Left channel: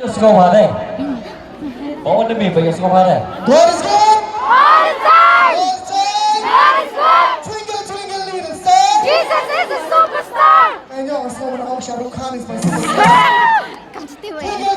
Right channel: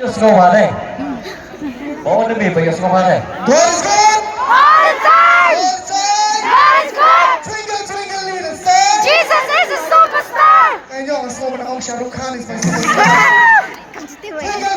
Yes, go on, eh? Oh, the people, yes, go on, eh? God is good. All the time! All the time. God is good! Twinkle, twinkle, little star. Jesus is a superstar! And yo, slow down. Shah Rukh Khan is my superstar. Yeah! Come to do it. Twinkle,